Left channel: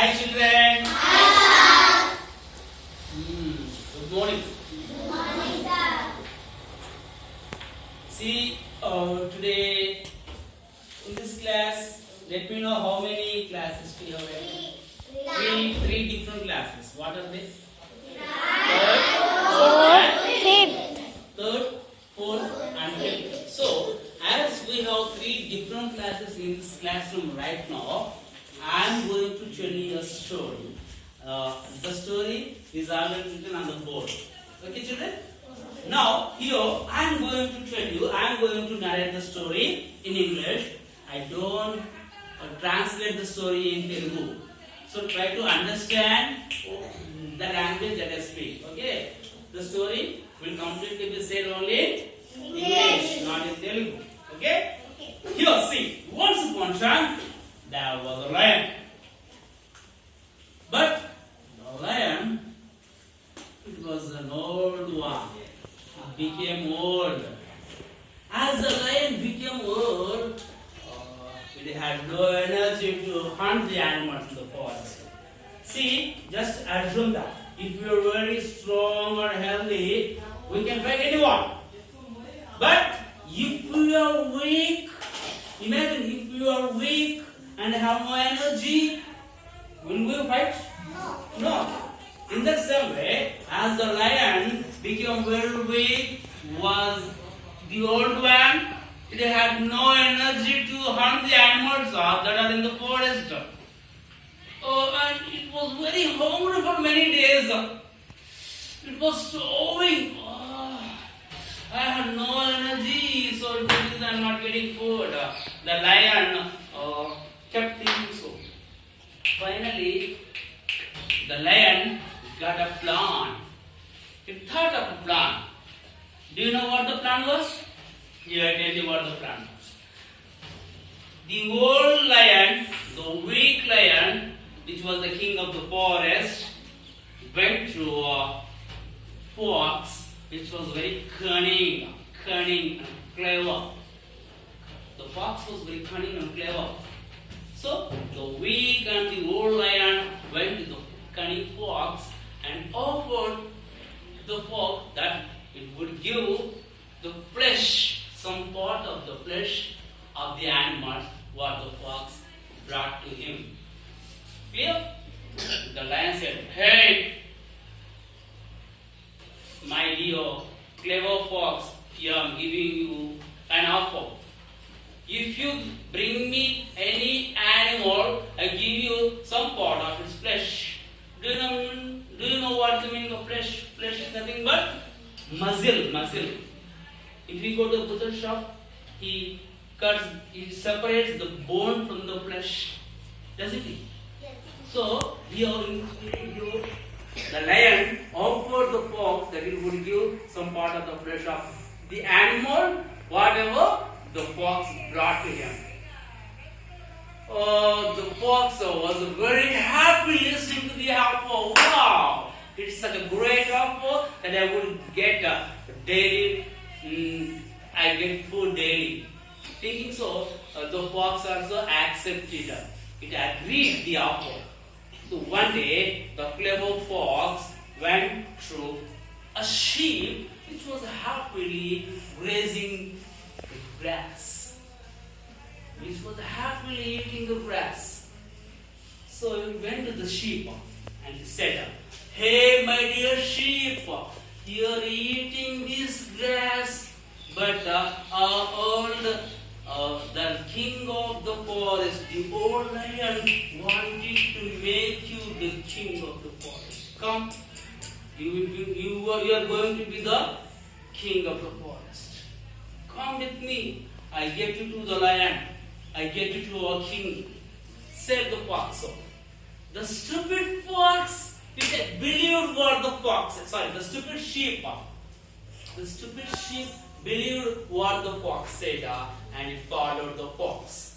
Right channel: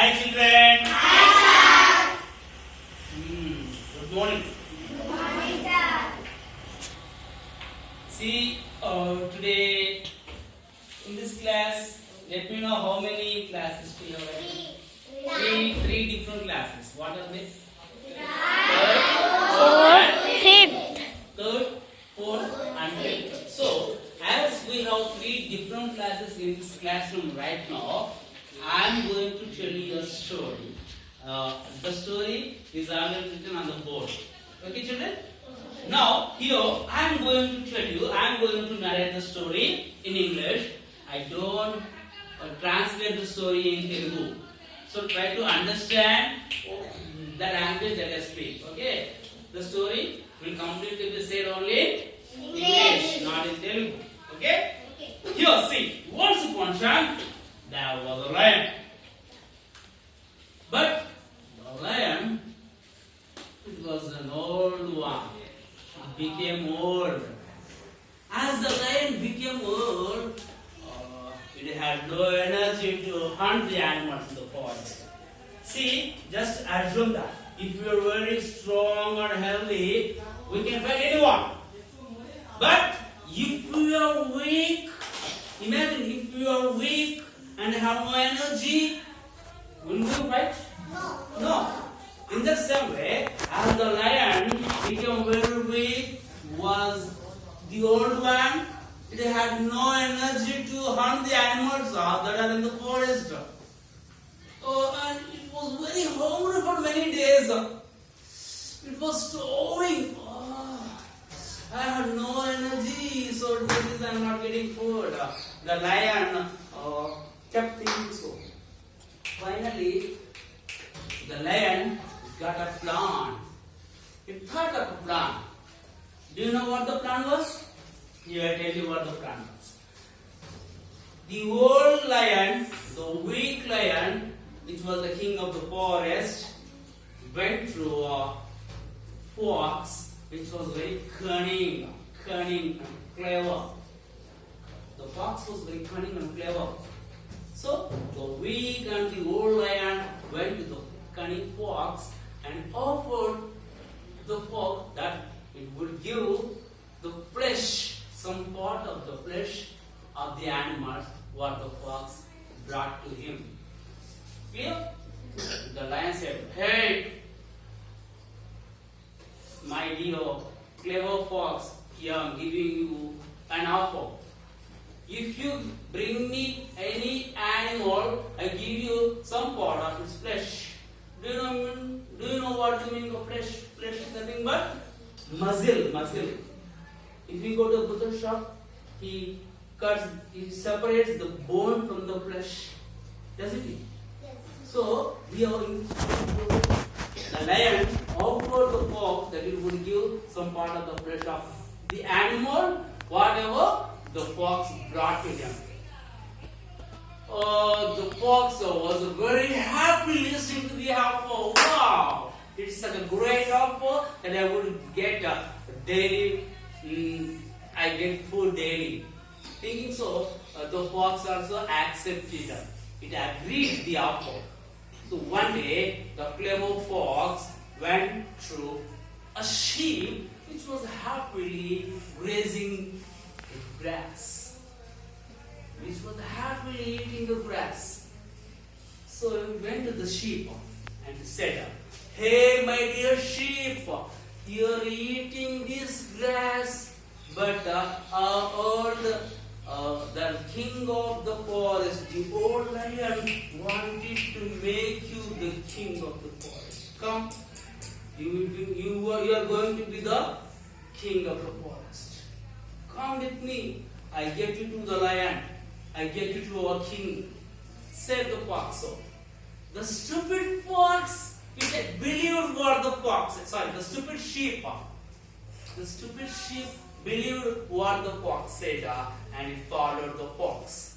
Hi children. Hi sir. Good morning. Good morning, sir. See, today in this class, let me know how many classes we have. Three different classes. What are they? Third, fourth, and fifth. So, as we have three different classes in this classroom right now, I am going to tell you a story. The story is already written on the board. Okay, children? Now, here I am going to tell you, I am going to narrate the story in English. I don't translate the story in Telugu. So, try to understand the language that I speak. Okay? The story will completely be said only in English, not in Telugu. Okay? Here, see. Once upon a time, there was a lion. But the lion, it was an old one. It became old. As the lion became old, it had no energy to hunt the animals in the forest. See, just assume that if you are very strong or healthy, we can fight anyone. But if you are weak, imagine if you are weak and have no energy, will we fight? No. In the same way, as the lion became very weak, was the old one, it had no energy to hunt the animals that are in the forest. And it was very hungry for many days. It was starving. I had no energy, so because I am not getting food. The lion kept thinking so. Finally, the lion got a plan. It thought of a plan. Do you know what the plan was? Here I tell you what the plan was. The old lion, the weak lion, which was the king of the forest, went to a fox, which was very cunning and clever. The fox was very cunning and clever. So the weak and the old lion went to the cunning fox and offered the fox that it would give the flesh, some part of the flesh of the animal what the fox brought to him. Clear? The lion said, "Hey, my dear clever fox, here I am giving you an offer. If you bring me any animal, I give you some part of its flesh." Do you know what the meaning of flesh? Flesh is nothing but muscle. If you go to the butcher shop, he separates the bone from the flesh. Doesn't he? Yes. So, here the lion offered the fox that he would give some part of the flesh of the animal, whatever the fox brought to him. The fox was very happy listening to the offer. Wow! It's such a great offer that I would get daily. I get food daily. Thinking so, the fox also accepted. It agreed the offer. So one day, the clever fox went through a sheep which was happily grazing the grass. Which was happily eating the grass. So he went to the sheep and he said, "Hey, my dear sheep, you're eating this grass, but the king of the forest, the old lion, wanted to make you the king of the forest. Come, you are going to be the king of the forest. Come with me. I get you to the lion. I get you to our king," said the fox. So, the stupid fox, believed what the fox said. Sorry, the stupid sheep. The stupid sheep believed what the fox said and it followed the fox.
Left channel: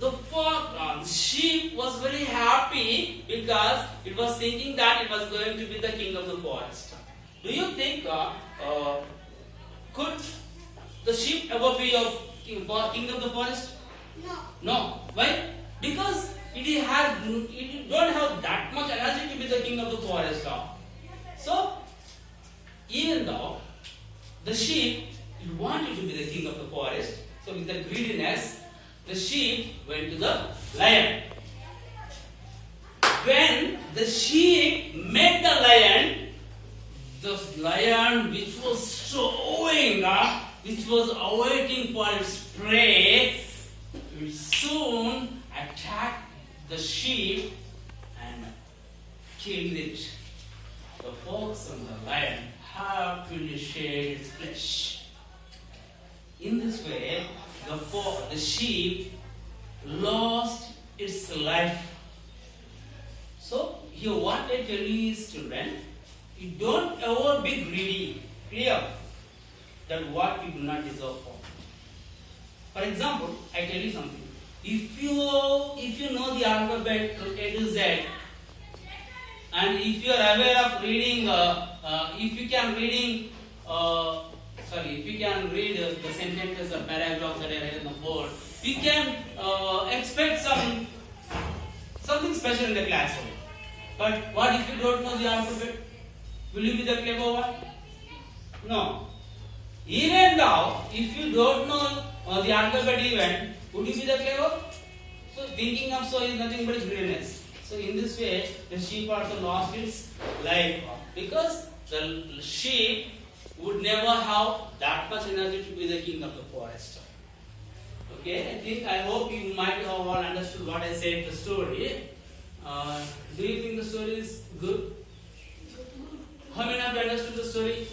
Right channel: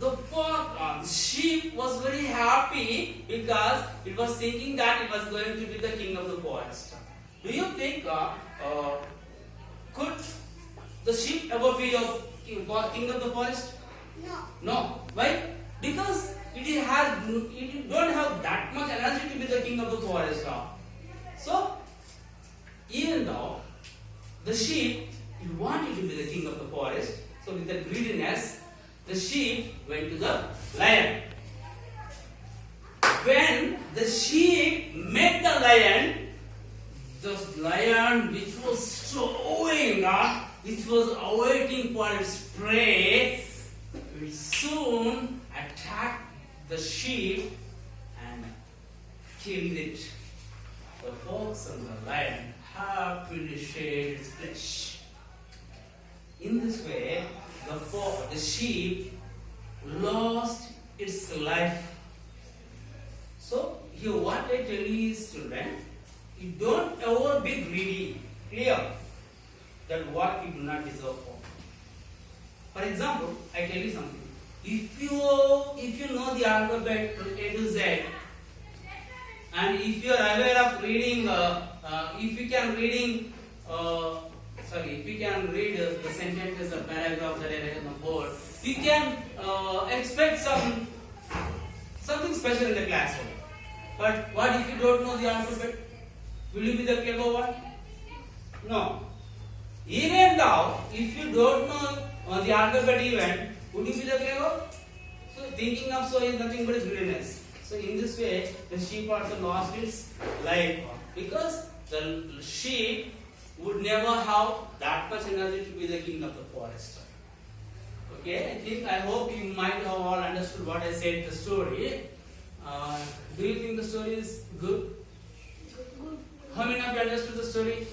The sheep was very happy because it was thinking that it was going to be the king of the forest. Do you think could the sheep ever be a king of the forest? No. No. Why? Because it don't have that much energy to be the king of the forest. So even though the sheep it wanted to be the king of the forest, so with the greediness, the sheep went to the lion. When the sheep met the lion which was showing, which was awaiting for its prey, it soon attacked the sheep and killed it. The fox and the lion happily shared its flesh. In this way, the sheep lost its life. So, here what I tell you is, children, you don't ever be greedy. Clear? That what you do not deserve for. For example, I tell you something. If you know the alphabet from A to Z, and if you are aware of reading, if you can read the sentences or paragraphs that are written on the board, we can expect something special in the classroom. But what if you don't know the alphabet? Will you be the clever one? No. Even though, if you don't know the alphabet even, would you be the clever? So thinking of so is nothing but greediness. So in this way, the sheep also lost its life because the sheep would never have that much energy to be the king of the forest. Okay, I hope you might have all understood what I said in the story. Do you think the story is good? How many of you understood the story?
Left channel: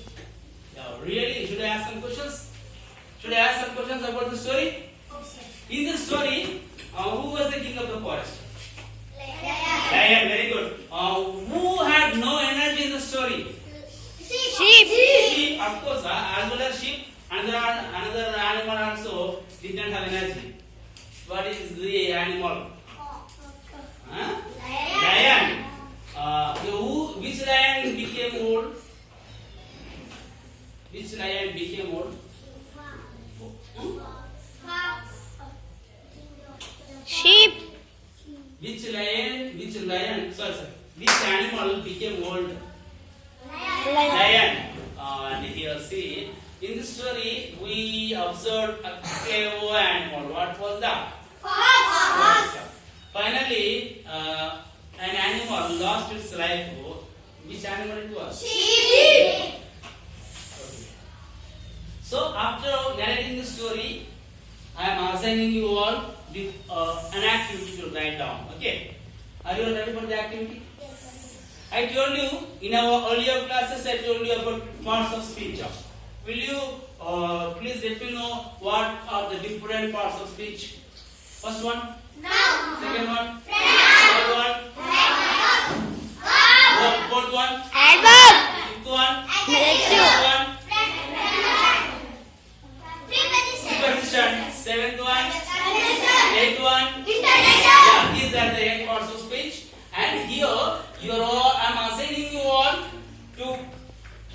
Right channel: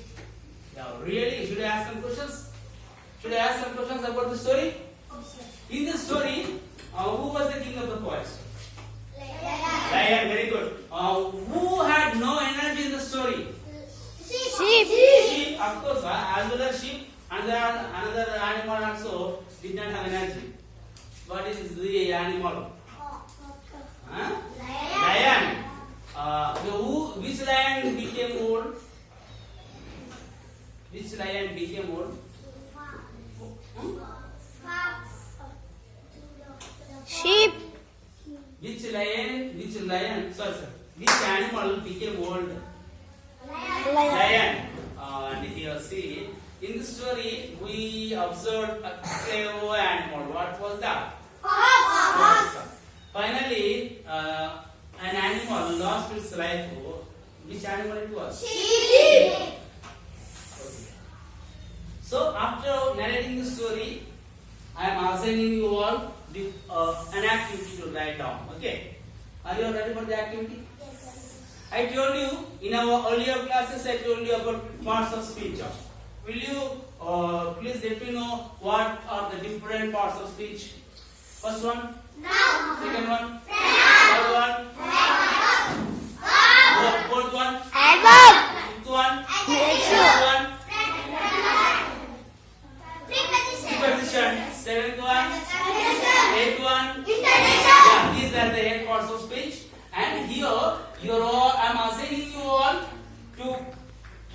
Yeah, really? Should I ask some questions? Should I ask some questions about the story? In this story, who was the king of the forest? Lion, very good. Who had no energy in the story? Sheep, of course. As well as sheep, another animal also did not have energy. What is the animal? Lion. Which lion became old? Which lion became old? Sheep. Which animal became old? Lion. And here see, in this story we observed a clever animal. What was that? Fox. Finally, an animal lost its life. Which animal it was? Sheep. Okay. So after narrating the story, I am assigning you all with an activity to write down. Okay? Are you ready for the activity? I told you in our earlier classes, I told you about parts of speech. Will you please let me know what are the different parts of speech? First one? No. Second one? Third one? Fourth one? Adverb. Fifth one? Negative. Sixth one? Preposition. Seventh one? Eighth one? Yeah, these are the 8 parts of speech. And here, I am asking you all to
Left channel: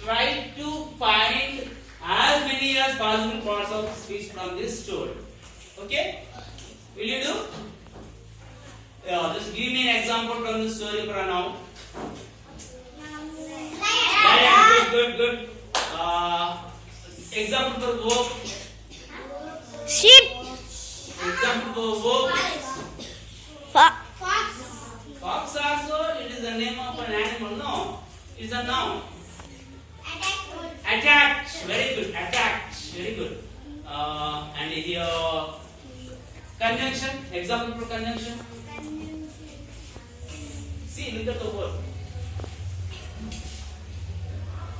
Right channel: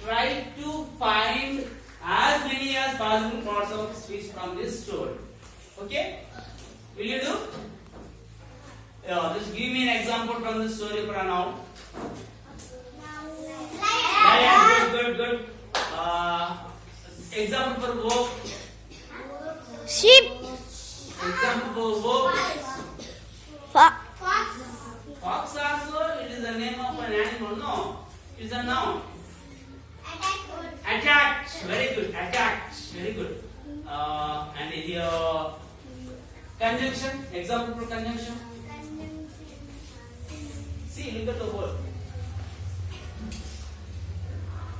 try to find as many as possible parts of speech from this story. Okay? Will you do? Yeah, just give me an example from this story for now. Lion, good. Example for verb. Sheep. Example for verb. Fox. Fox also, it is the name of an animal. No, it is a noun. Attacked. Very good. Attacked. Very good. And here, conjunction. Example for conjunction. See, look at the word.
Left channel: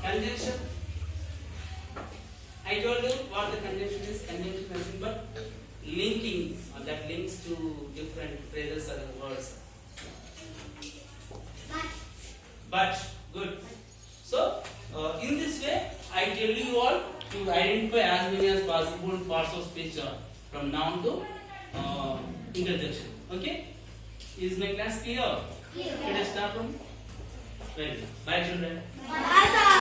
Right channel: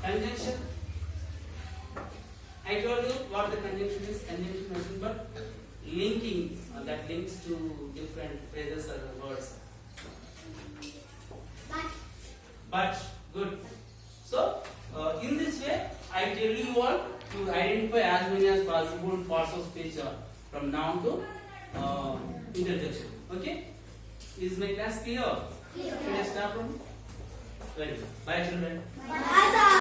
Conjunction. I told you what the conjunction is. Conjunction is nothing but linking that links to different phrases or words. But good. So in this way, I tell you all to identify as many as possible parts of speech from noun to interjection. Okay? Is my class clear? Should I stop from? Well, bye children. Bye.